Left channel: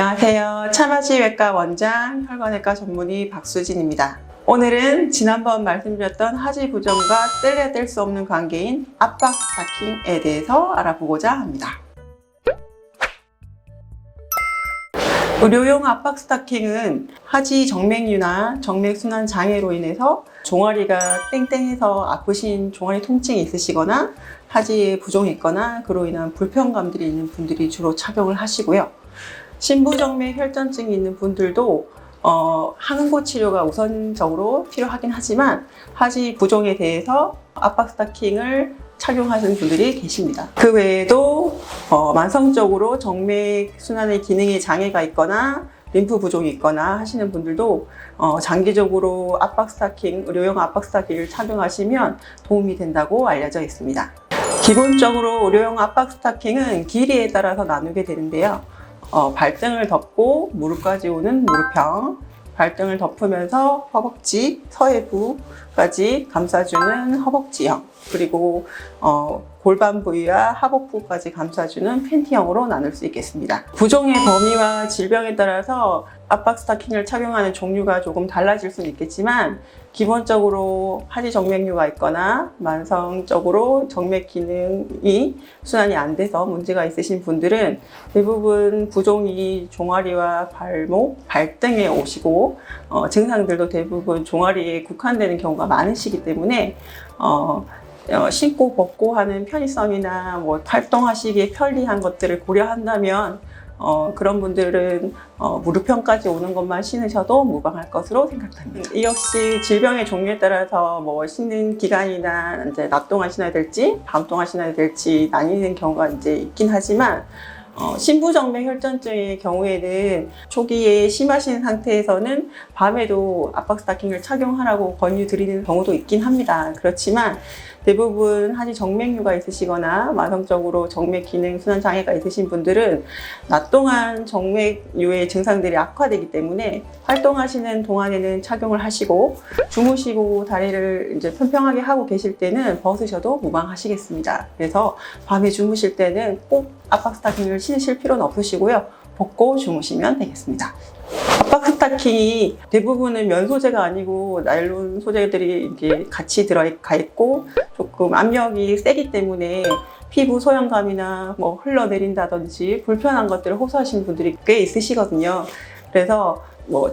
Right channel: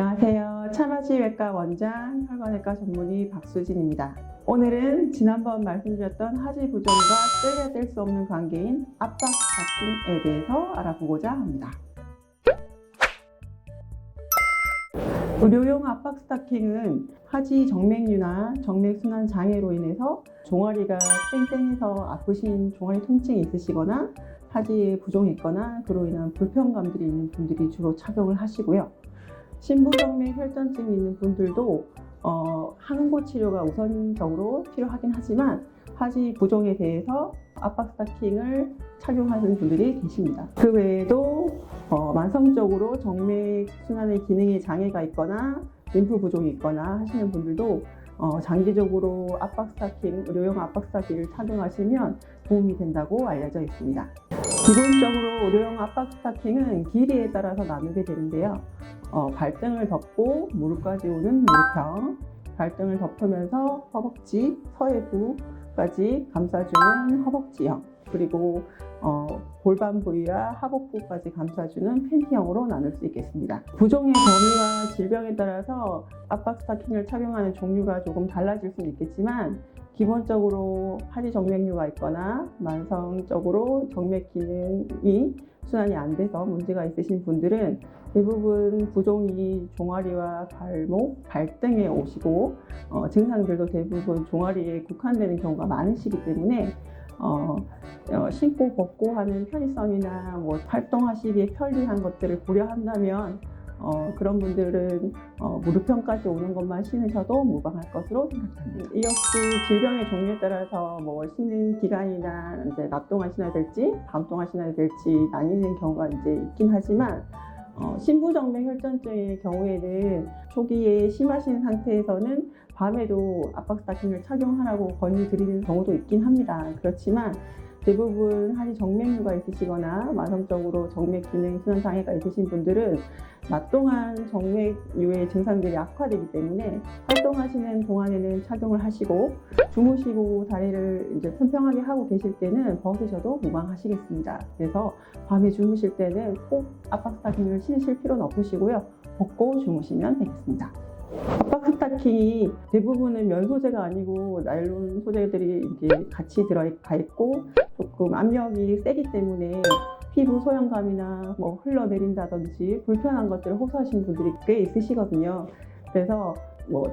안녕하세요. 차마지외과 원장, 혈관외과 전문의 박수진입니다. 오늘은 지난번 말씀드렸던 하지 부종과 뗄래야 뗄 수 없는 관계인 압박 스타킹에 대해서 알아보고자 합니다. 의료용 압박 스타킹은 하지 정맥류나 정맥순환 장애로 인해서 종아리가 땡땡해서 아프신 종아리 통증이 있으시거나 하지에 부종이 있거나 그로 인한 불편감들이 있는 분들이 주로 착용을 하시고요. 심부정맥 혈전증이 있는 분들도 항응고 치료가 우선적으로 필요하긴 하지만 하지 부종에 대해서 압박 스타킹을 착용하시는 분들이 계십니다. 그 외에도 만성적으로 정맥 순환의 기능에 장애가 있거나 림프 부종이 있거나 하시는 분들도 장기적으로 압박 스타킹, 의료용 압박 스타킹을 착용하시면 도움이 된다고 알려져 있습니다. 기본적으로 의료용 압박 스타킹은 길이에 따라서 나누게 되는데요. 발등을 덮고 무릎까지 오는 무릎형, 발등을 덮으면서 허벅지, 서해부까지 감싸주는 허벅지형, 그리고 골반 부위와 하복부까지 감싸주는 팬티형으로 나눌 수 있겠습니다. 부종의 범위와 질병에 따라서 압박 스타킹을 착용하는 종류가 조금 달라질 수는 있겠지만 기본적으로 하지 정맥류가 있거나 만성적으로 정맥 기능이 순환이 안 돼서 문제가 있으신 분들은 대부분 부종이 종아리와 발목, 발등에 오시고 증상들도 대부분 종아리에 국한되는 경우가 많으시기 때문에 신고 벗고 하는 편의성이나 활동하시기에 편리한 것들을 고려한다면 그런 분들은 무릎형까지 오는 것만 신으셔도 무방할 것으로 생각됩니다. 이 역시 질병의 종류에 따라서 신는 기간이나 이제 낮 동안 신어야 될지 밤 동안 신어야 될지 나뉘는 경우가 이제 있긴 하지만 심부정맥 혈전증의 경우에는 초기에 심하신 상태에서는 밤에도 압박 스타킹을 착용하라고 권유드리는 경우도 있긴 합니다. 그렇지만 대부분 하지 정맥류가 있으시거나 만성적으로 정맥 기능 순환 장애가 있으신 분들은 낮 동안 정맥류의 증상들이 악화되기 때문에 활동하시는 동안에는 착용을 하시고 주무시고 다리를 이제 평평하게 하고 계실 때는 벗으셔도 무방하시겠습니다. 그래서 밤에 주무실 때는 꼭 압박 스타킹을 신으실 필요는 없으시고요. 벗고 주무시면 되겠습니다. 압박 스타킹이 대부분은 면 소재가 아니고 나일론 소재들이 이렇게 같이 들어가 있고 조금 압력이 세기 때문에 피부 소형감이나 흘러내린다든지 불편한 것들을 호소하시는 분들이 꽤 있으시거든요. 그래서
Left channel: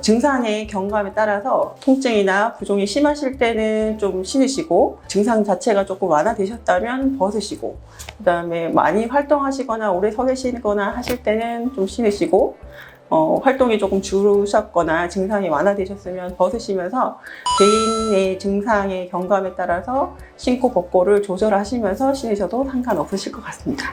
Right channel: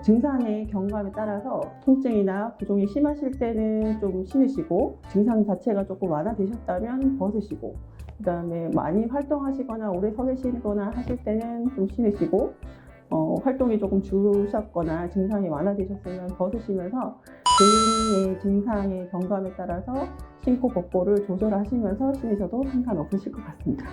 증상의 경감에 따라서 통증이나 부종이 심하실 때는 좀 신으시고 증상 자체가 조금 완화되셨다면 벗으시고 그다음에 많이 활동하시거나 오래 서 계시거나 하실 때는 좀 신으시고 활동이 조금 줄으셨거나 증상이 완화되셨으면 벗으시면서 개인의 증상의 경감에 따라서 신고 벗고를 조절하시면서 신으셔도 상관없으실 것 같습니다.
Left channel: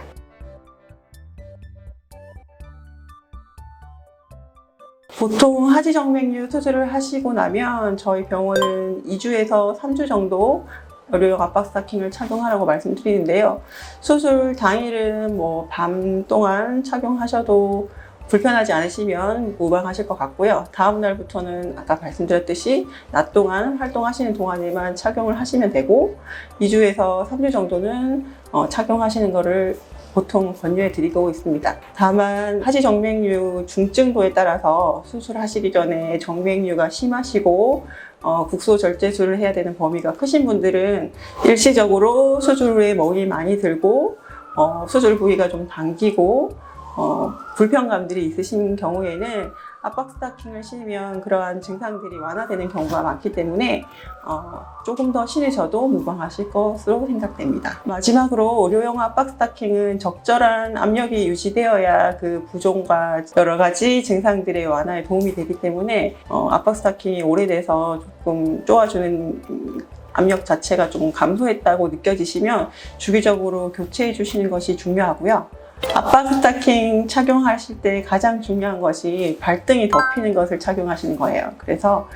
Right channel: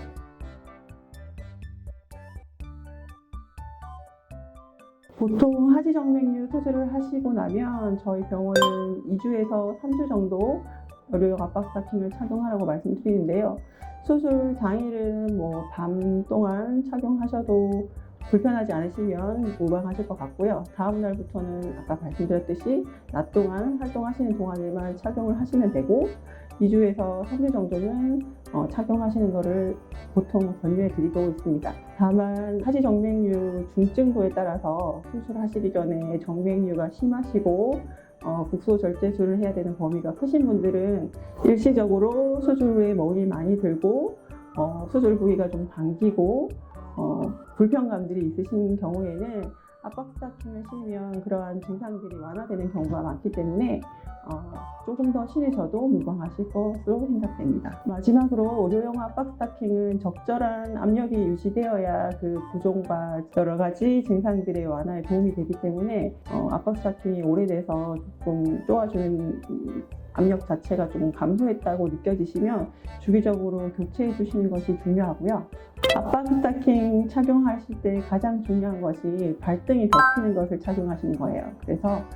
보통 하지 정맥류 수술을 하시고 나면 저희 병원은 2주에서 3주 정도 의료용 압박 스타킹을 착용하라고 말씀드리는데요. 수술 당일은 밤 동안 착용하셔도 불편하지 않으시면 무방하실 것 같고요. 다음 날부터는 아까 말씀드렸듯이 낮 동안 활동하시는 동안에만 착용을 하시면 되고 2주에서 3주 정도는 착용하시는 것을 보통 권유해 드리고 있습니다. 다만 하지 정맥류 중증도에 따라서 수술하시기 전에 정맥류가 심하시고 국소 절제술을 해야 되는 범위가 크신 분들은 일시적으로 수술 후에 멍이 많이 들고 수술 부위가 좀 당기고 불편감들이 있으신 경우에는 압박 스타킹을 신으면 그러한 증상들이 완화되는 경우가 많기 때문에 조금 더 신으셔도 무방하실 것으로 생각됩니다. 마지막으로 의료용 압박 스타킹은 적절한 압력이 유지되어야 그 부종과 여러 가지 증상들의 완화에 도움이 되기 때문에 압박 스타킹이 오래돼서 조금 쪼아주는 압력 자체가 조금 감소했다고 느껴지시면 주기적으로 교체해 주시는 것이 중요하고요. 압박 스타킹 착용하실 때 가장 중요한 것이 발등이 덮이는 것을 착용하시는 거예요. 그래서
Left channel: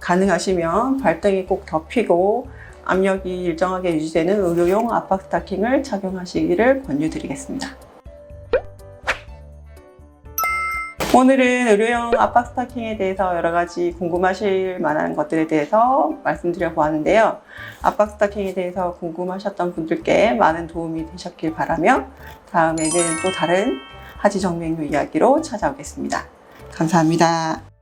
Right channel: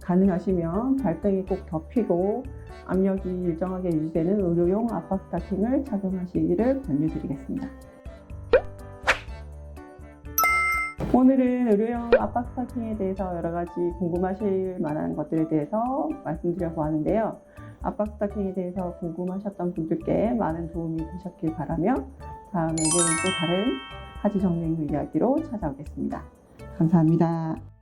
가능하시면 발등이 꼭 덮이고 압력이 일정하게 유지되는 의료용 압박 스타킹을 착용하시기를 권유드리겠습니다. 오늘은 의료용 압박 스타킹에 대해서 여러 가지 궁금하실 만한 것들에 대해서 말씀드려 보았는데요. 압박 스타킹에 대해서 궁금하셨던 분들께 많은 도움이 되셨길 바라며 다음에는 또 다른 하지 정맥류 이야기로 찾아오겠습니다. 감사합니다.